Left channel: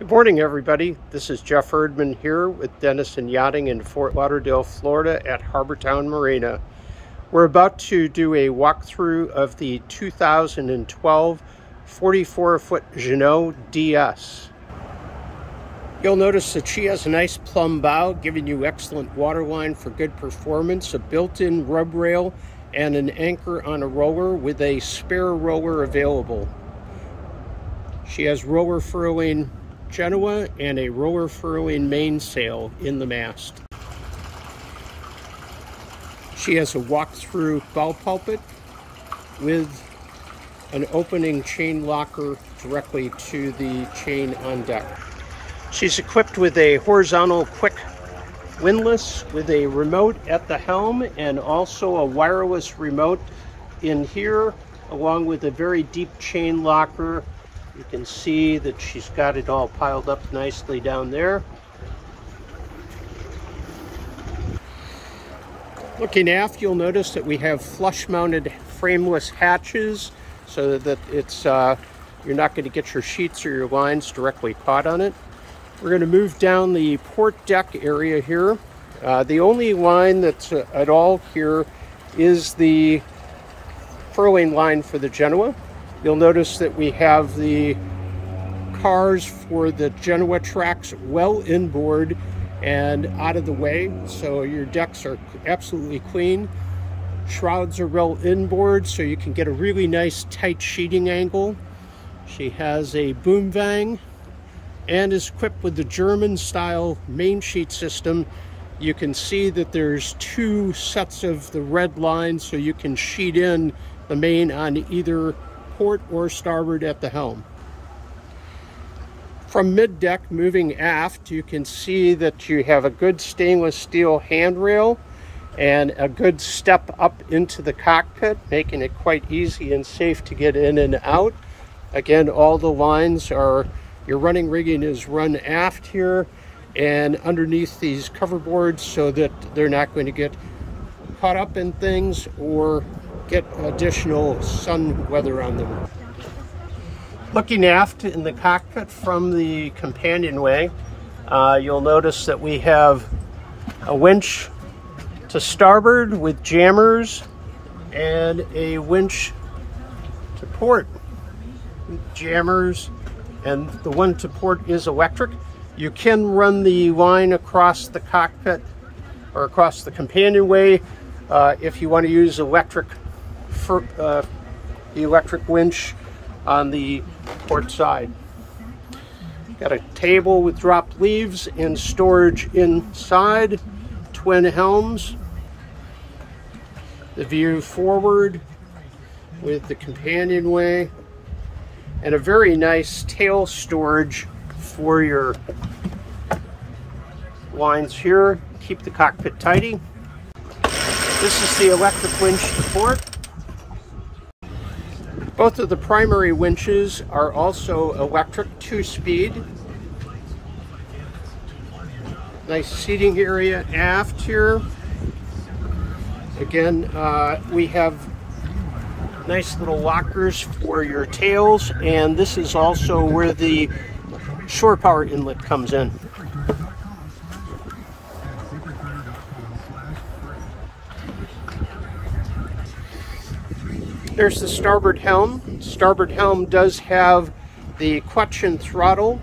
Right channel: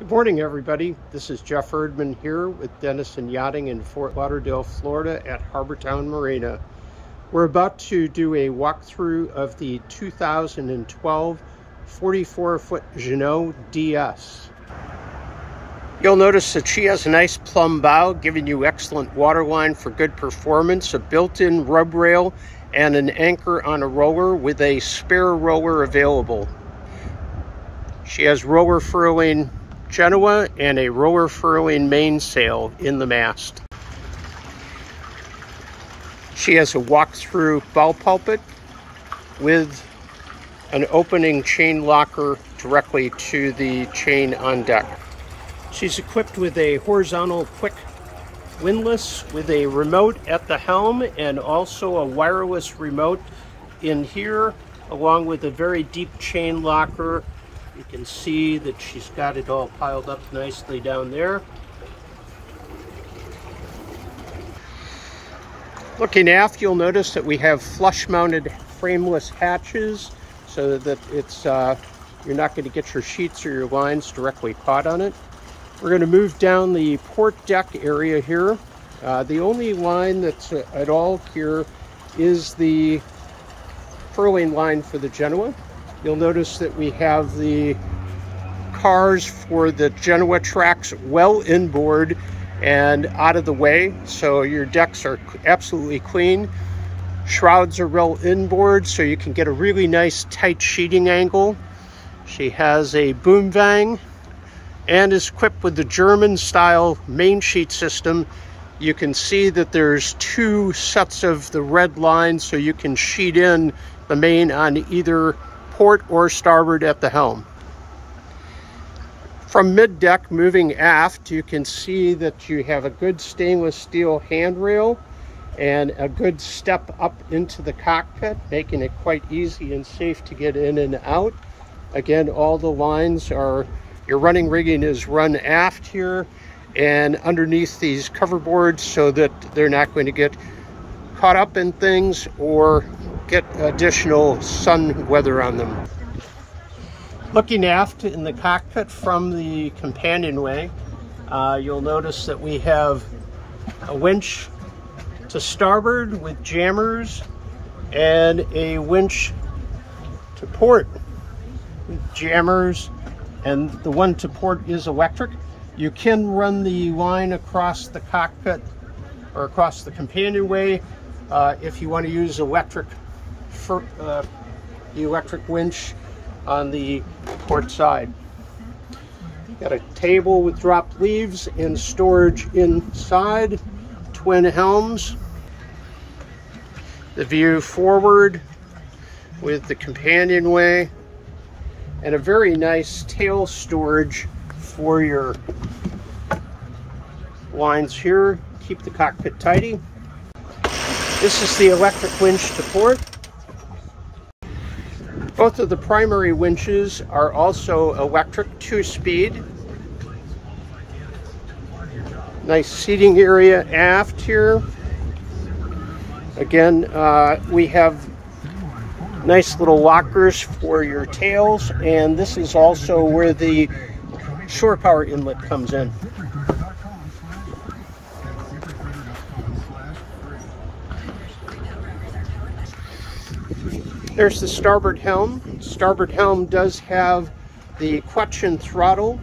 Good morning, everybody. This is Jeff Erdmann here with Dennison Yachting in Fort Lauderdale, Florida at Harbortown Marina. We're about to do a walkthrough of the 2012 44-foot Jenneau DS. You'll notice that she has a nice plumb bow, giving you excellent waterline for good performance, a built-in rub rail, and an anchor on a roller with a spare roller available. She has roller furling Jenneau and a roller furling mainsail in the mast. She has a walk-through bow pulpit with an opening chain locker directly to the chain on deck. She's equipped with a horizontal quick windlass with a remote at the helm and also a wireless remote in here, along with a very deep chain locker. You can see that she's got it all piled up nicely down there. Looking aft, you'll notice that we have flush-mounted frameless hatches so that it's you're not going to get your sheets or your lines directly caught on it. We're going to move down the port deck area here. The only line that's at all here is the furling line for the Jenneau. You'll notice that we have the cars for the Jenneau tracks well inboard and out of the way, so your decks are absolutely clean. Shrouds are well inboard, so you can get a really nice tight sheeting angle. She has a boom vang and is equipped with the German style main sheet system. You can see that there's two sets of the red lines, so you can sheet in the main on either port or starboard at the helm. From mid-deck moving aft, you can see that you have a good stainless steel handrail and a good step up into the cockpit, making it quite easy and safe to get in and out. Again, all the lines are, your running rigging is run aft here and underneath these cover boards so that they're not going to get caught up in things or get additional sun weather on them. Looking aft in the cockpit from the companionway, you'll notice that we have a winch to starboard with jammers and a winch to port with jammers, and the one to port is electric. You can run the line across the cockpit or across the companionway if you want to use electric for the electric winch on the port side. Got a table with dropped leaves and storage inside, twin helms. The view forward with the companionway and a very nice tail storage for your lines here. Keep the cockpit tidy. This is the electric winch to port. Both of the primary winches are also electric 2-speed. Nice seating area aft here. Again, we have nice little lockers for your tails, and this is also where the shore power inlet comes in. There's the starboard helm. Starboard helm does have the clutch and throttle,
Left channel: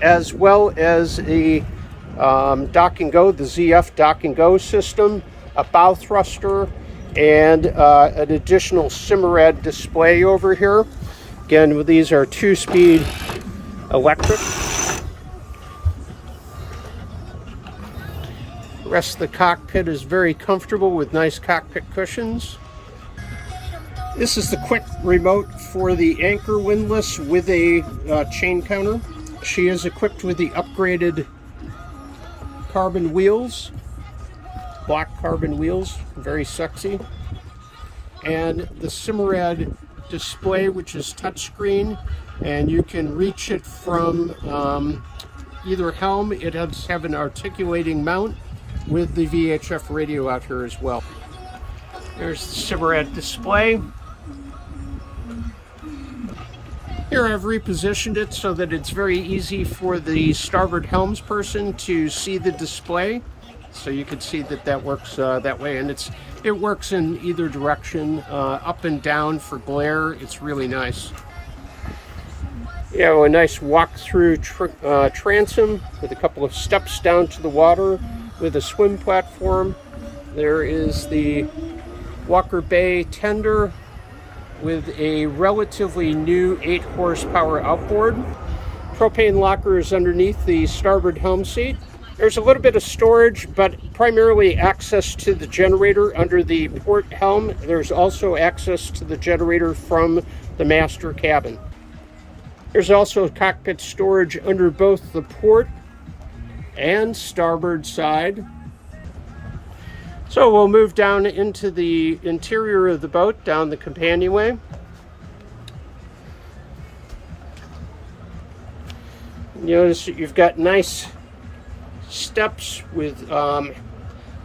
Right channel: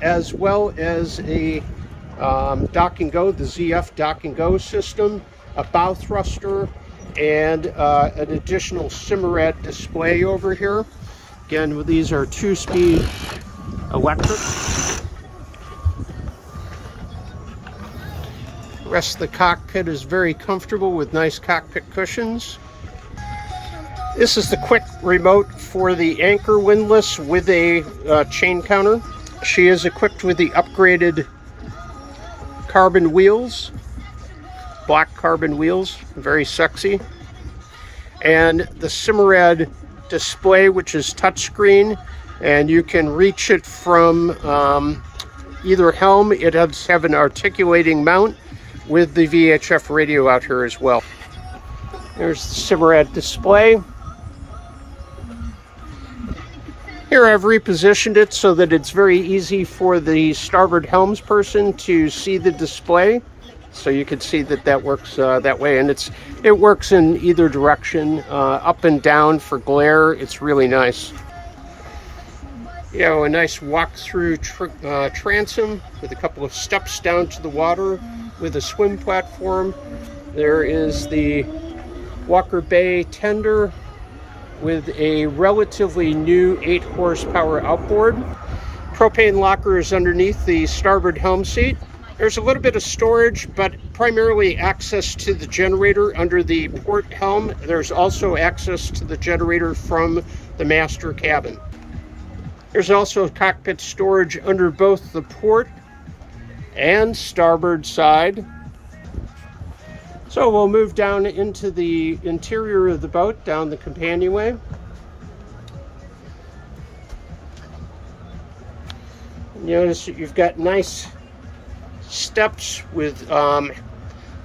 as well as a dock and go, the ZF dock and go system, a bow thruster, and an additional Simrad display over here. Again, these are 2-speed electric. The rest of the cockpit is very comfortable with nice cockpit cushions. This is the quick remote for the anchor windlass with a chain counter. She is equipped with the upgraded carbon wheels, black carbon wheels, very sexy. And the Simrad display, which is touchscreen, and you can reach it from either helm. It does have an articulating mount with the VHF radio out here as well. There's the Simrad display. Here I've repositioned it so that it's very easy for the starboard helms person to see the display. So you can see that that works that way, and it works in either direction, up and down for glare. It's really nice. You have a nice walk-through transom with a couple of steps down to the water with a swim platform. There is the Walker Bay tender with a relatively new 8 horsepower outboard. Propane locker is underneath the starboard helm seat. There's a little bit of storage, but primarily access to the generator under the port helm. There's also access to the generator from the master cabin. There's also cockpit storage under both the port and starboard side. So we'll move down into the interior of the boat, down the companionway. Notice that you've got nice steps with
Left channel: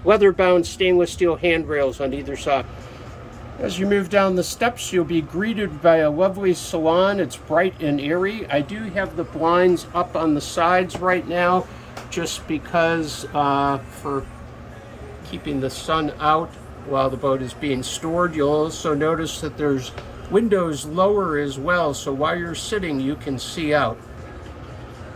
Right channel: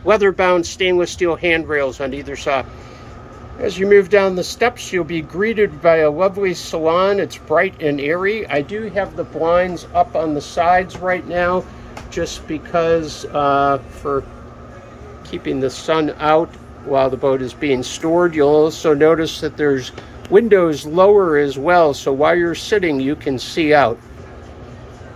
leather-bound stainless steel handrails on either side. As you move down the steps, you'll be greeted by a lovely salon. It's bright and airy. I do have the blinds up on the sides right now, just because for keeping the sun out while the boat is being stored. You'll also notice that there's windows lower as well, so while you're sitting, you can see out.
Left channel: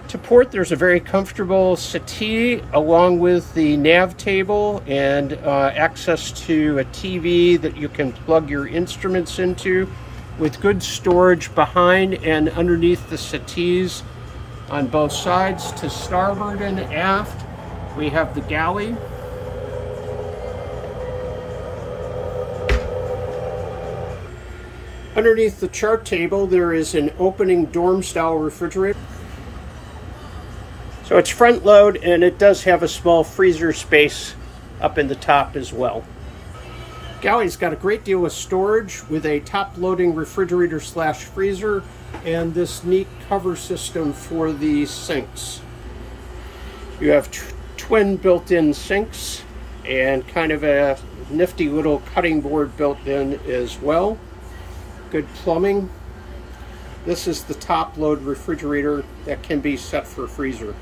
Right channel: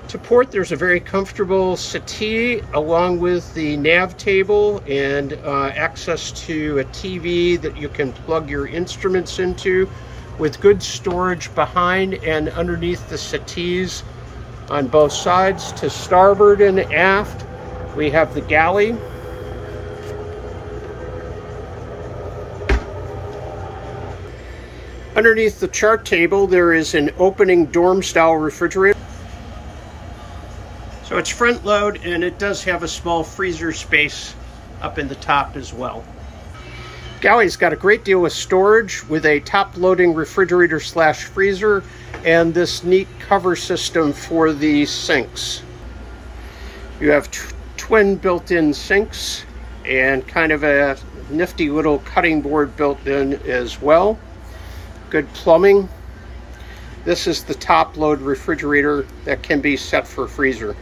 To port, there's a very comfortable settee along with the nav table and access to a TV that you can plug your instruments into, with good storage behind and underneath the settees on both sides. To starboard and aft, we have the galley. Underneath the chart table, there is an opening dorm-style refrigerator. So it's front load, and it does have a small freezer space up in the top as well. Galley's got a great deal of storage with a top-loading refrigerator slash freezer and this neat cover system for the sinks. You have twin built-in sinks and kind of a nifty little cutting board built in as well. Good plumbing. This is the top-load refrigerator that can be set for freezer.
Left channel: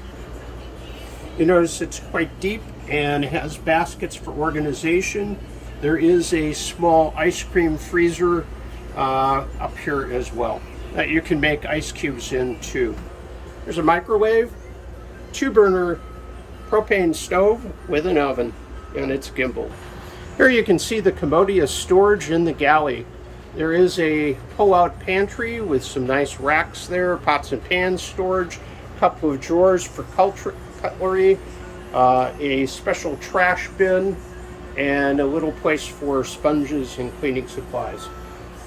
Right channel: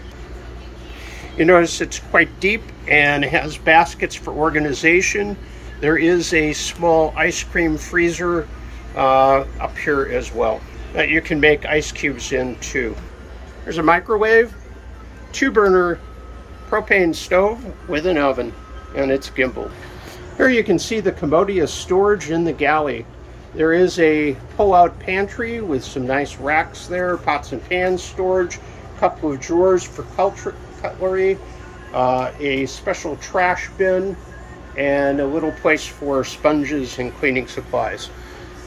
You notice it's quite deep and has baskets for organization. There is a small ice cream freezer up here as well that you can make ice cubes in too. There's a microwave, 2-burner propane stove with an oven, and it's gimbal. Here you can see the commodious storage in the galley. There is a pull-out pantry with some nice racks there, pots and pans storage, a couple of drawers for cutlery, a special trash bin, and a little place for sponges and cleaning supplies.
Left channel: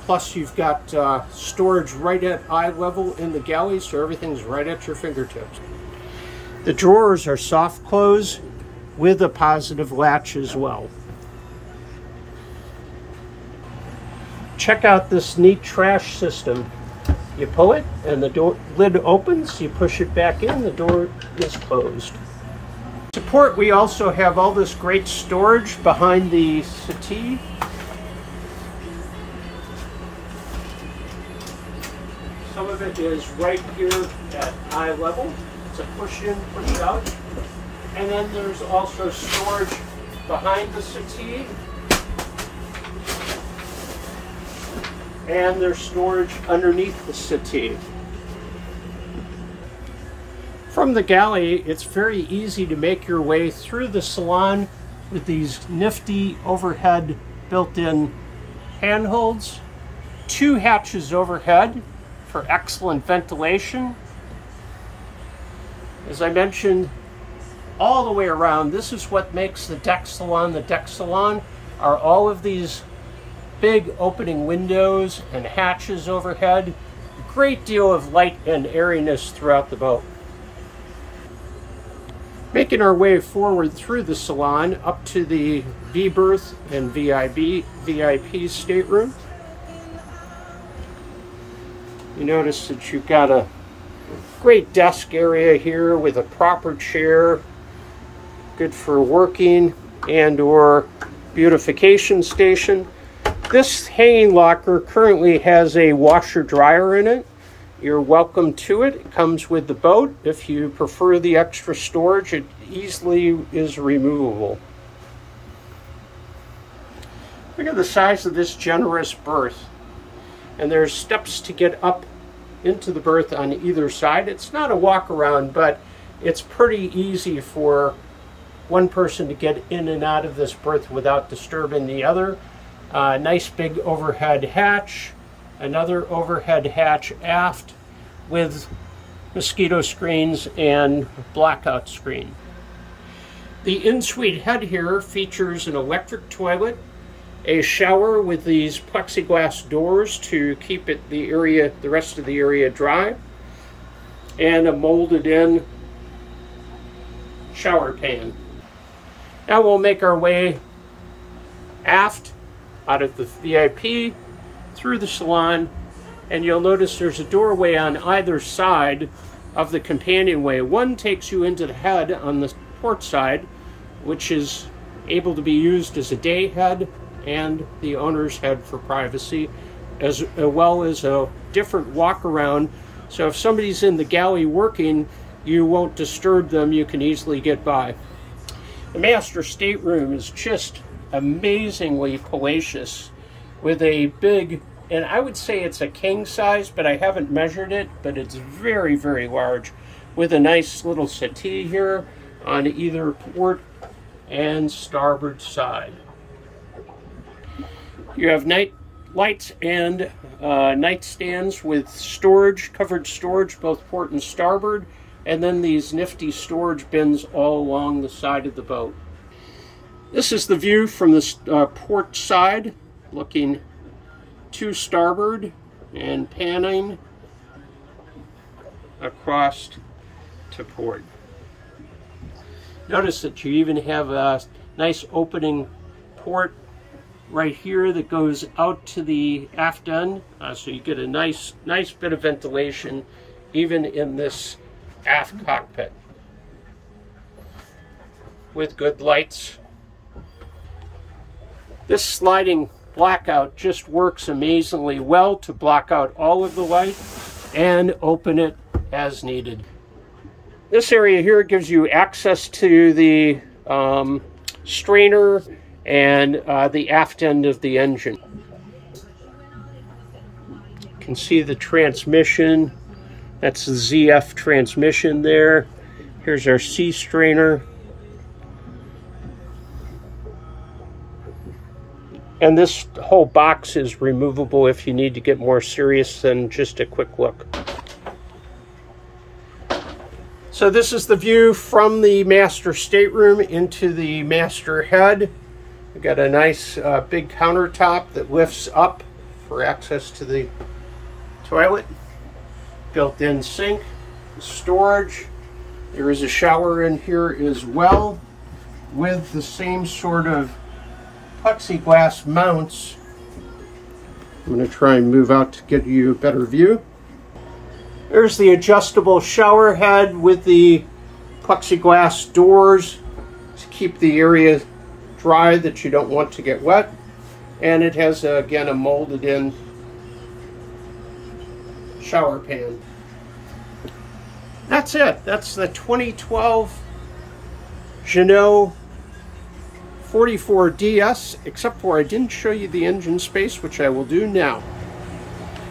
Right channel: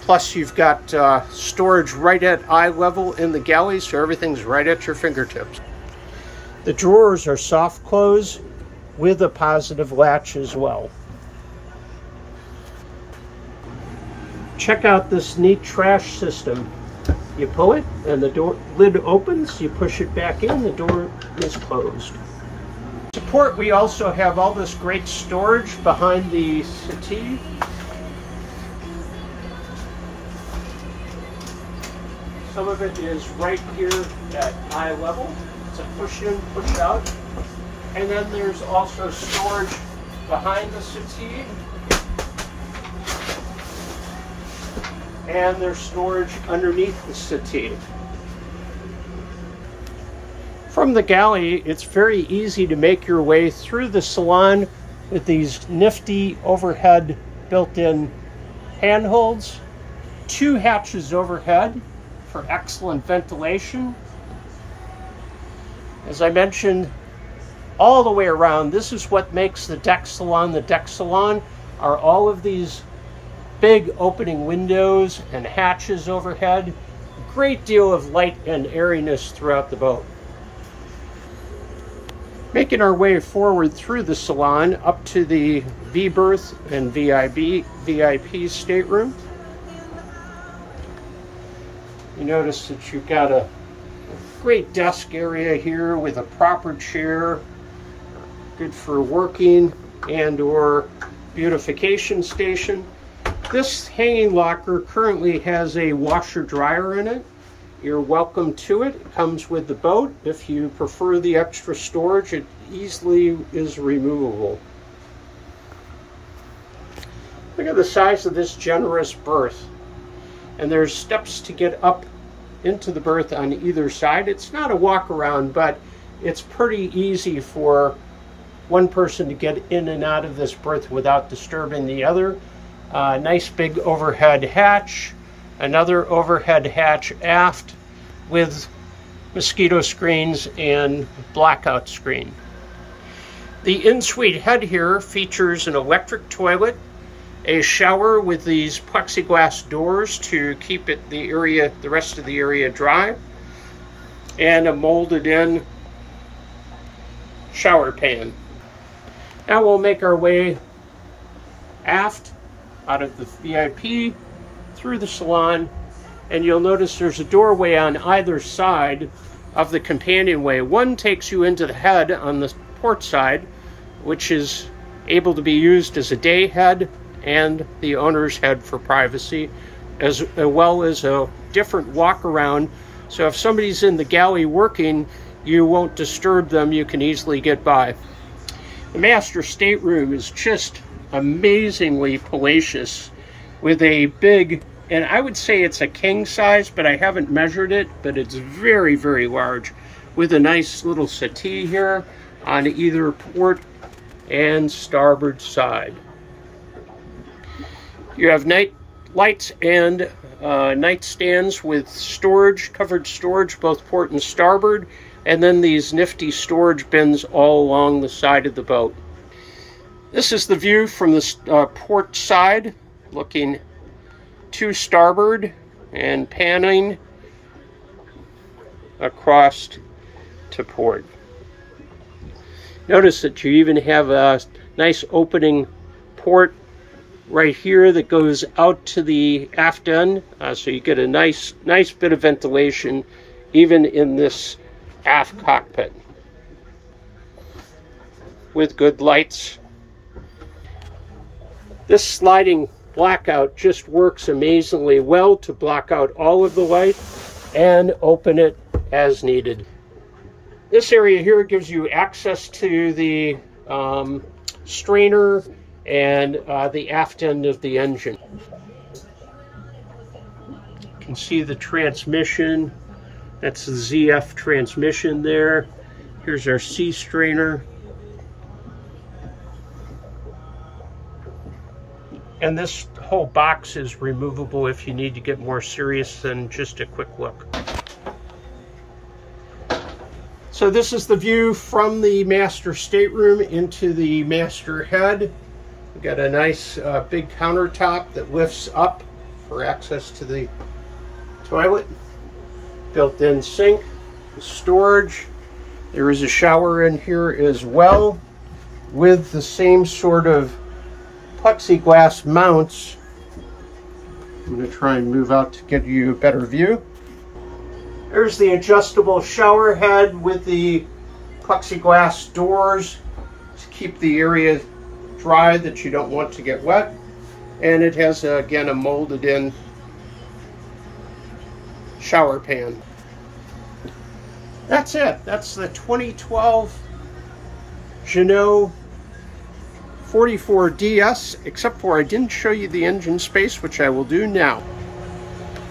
Plus you've got storage right at eye level in the galley, so everything's right at your fingertips. The drawers are soft close with a positive latch as well. Check out this neat trash system. You pull it and the lid opens, you push it back in, the door is closed. To port, we also have all this great storage behind the settee. Some of it is right here at eye level. It's a push in, push out. And then there's also storage behind the settee. And there's storage underneath the settee. From the galley, it's very easy to make your way through the salon with these nifty overhead built-in handholds. 2 hatches overhead for excellent ventilation. As I mentioned, all the way around, this is what makes the deck salon the deck salon, are all of these big opening windows and hatches overhead. A great deal of light and airiness throughout the boat. Making our way forward through the salon up to the V berth and VIP stateroom. You notice that you've got a great desk area here with a proper chair, good for working and or beautification station. This hanging locker currently has a washer dryer in it, you're welcome to it. It comes with the boat. If you prefer the extra storage, it easily is removable. Look at the size of this generous berth. And there's steps to get up into the berth on either side. It's not a walk around, but it's pretty easy for one person to get in and out of this berth without disturbing the other. Nice big overhead hatch, another overhead hatch aft with mosquito screens and blackout screen. The in-suite head here features an electric toilet, a shower with these plexiglass doors to keep the rest of the area dry, and a molded in shower pan. Now we'll make our way aft out of the VIP through the salon, and you'll notice there's a doorway on either side of the companionway. One takes you into the head on the port side, which is able to be used as a day head and the owner's head for privacy, as well as a different walk around. So if somebody's in the galley working, you won't disturb them. You can easily get by. The master stateroom is just amazingly palatious with a big, and I would say it's a king size, but I haven't measured it, but it's very, very large, with a nice little settee here on either port and starboard side. You have night lights and nightstands with storage, covered storage, both port and starboard, and then these nifty storage bins all along the side of the boat. This is the view from the port side, looking to starboard and panning across to port. Notice that you even have a nice opening port right here that goes out to the aft end, so you get a nice bit of ventilation even in this aft cockpit with good lights. This sliding blackout just works amazingly well to block out all of the light and open it as needed. This area here gives you access to the strainer and the aft end of the engine. You can see the transmission. That's the ZF transmission there. Here's our C strainer. And this whole box is removable if you need to get more serious than just a quick look. So this is the view from the master stateroom into the master head. We've got a nice big countertop that lifts up for access to the toilet. Built-in sink, storage. There is a shower in here as well with the same sort of plexiglass mounts. I'm going to try and move out to get you a better view. There's the adjustable shower head with the plexiglass doors to keep the area dry that you don't want to get wet. And it has, again, a molded in shower pan. That's it. That's the 2012 Jenneau 44DS, except for I didn't show you the engine space, which I will do now.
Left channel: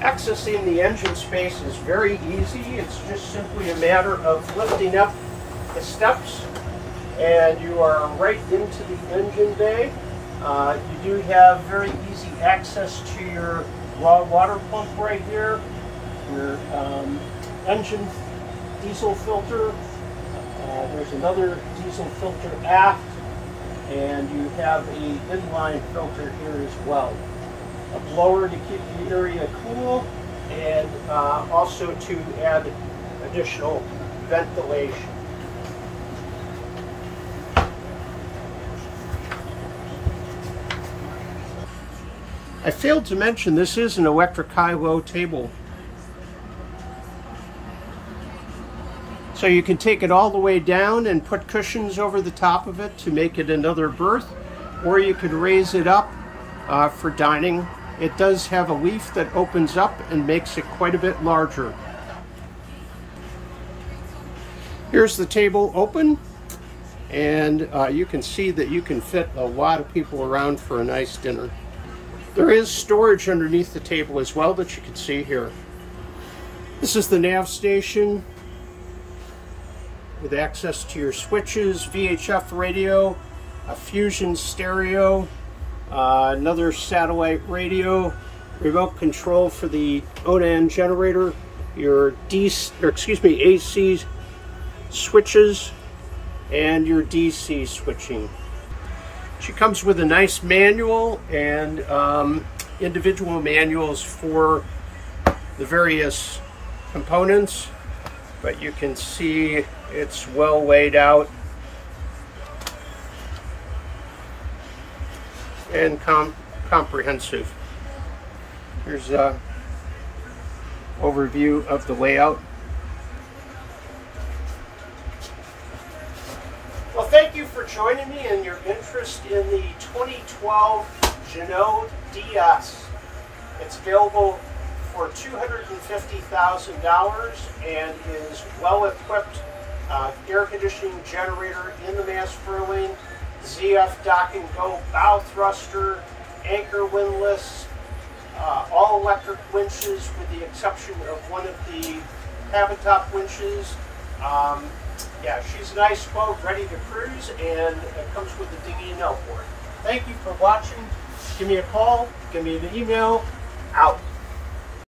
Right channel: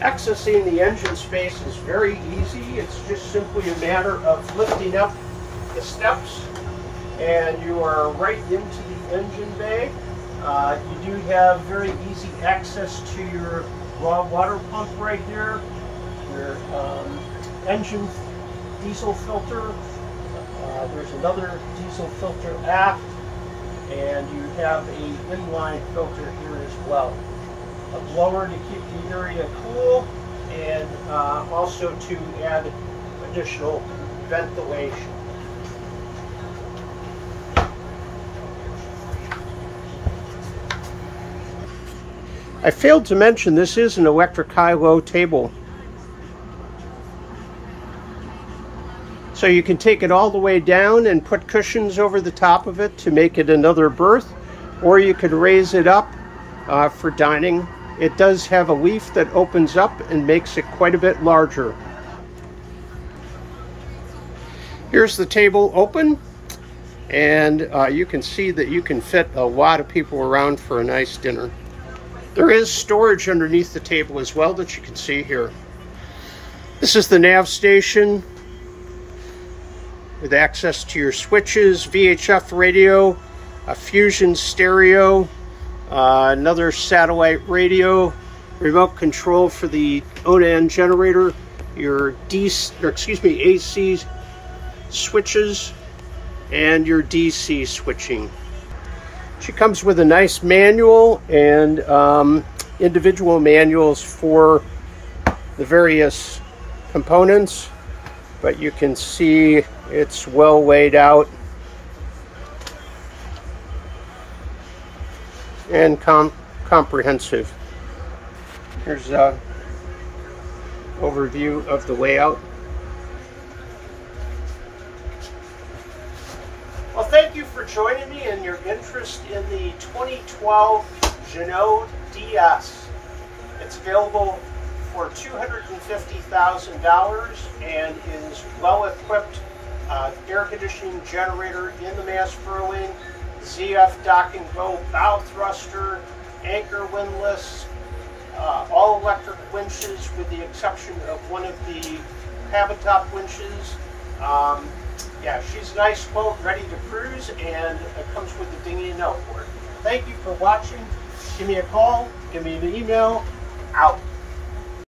Accessing the engine space is very easy. It's just simply a matter of lifting up the steps and you are right into the engine bay. You do have very easy access to your raw water pump right here, your engine diesel filter. There's another diesel filter aft, and you have a inline filter here as well. A blower to keep the area cool, and also to add additional ventilation. I failed to mention this is an electric high-low table. So you can take it all the way down and put cushions over the top of it to make it another berth, or you could raise it up for dining. It does have a leaf that opens up and makes it quite a bit larger. Here's the table open, and you can see that you can fit a lot of people around for a nice dinner. There is storage underneath the table as well that you can see here. This is the nav station with access to your switches, VHF radio, a Fusion stereo, another satellite radio, remote control for the Onan generator, your AC switches, and your DC switching. She comes with a nice manual and individual manuals for the various components, but you can see it's well laid out and comprehensive. Here's an overview of the layout. Well, thank you for joining me and your interest in the 2012 Jenneau DS. It's available for $250,000 and is well equipped. Air conditioning generator in the mast furling, ZF dock and go bow thruster, anchor windlass, all electric winches with the exception of one of the cabin top winches. Yeah, she's a nice boat, ready to cruise, and it comes with the dinghy and outboard. Thank you for watching. Give me a call, give me an email. Out.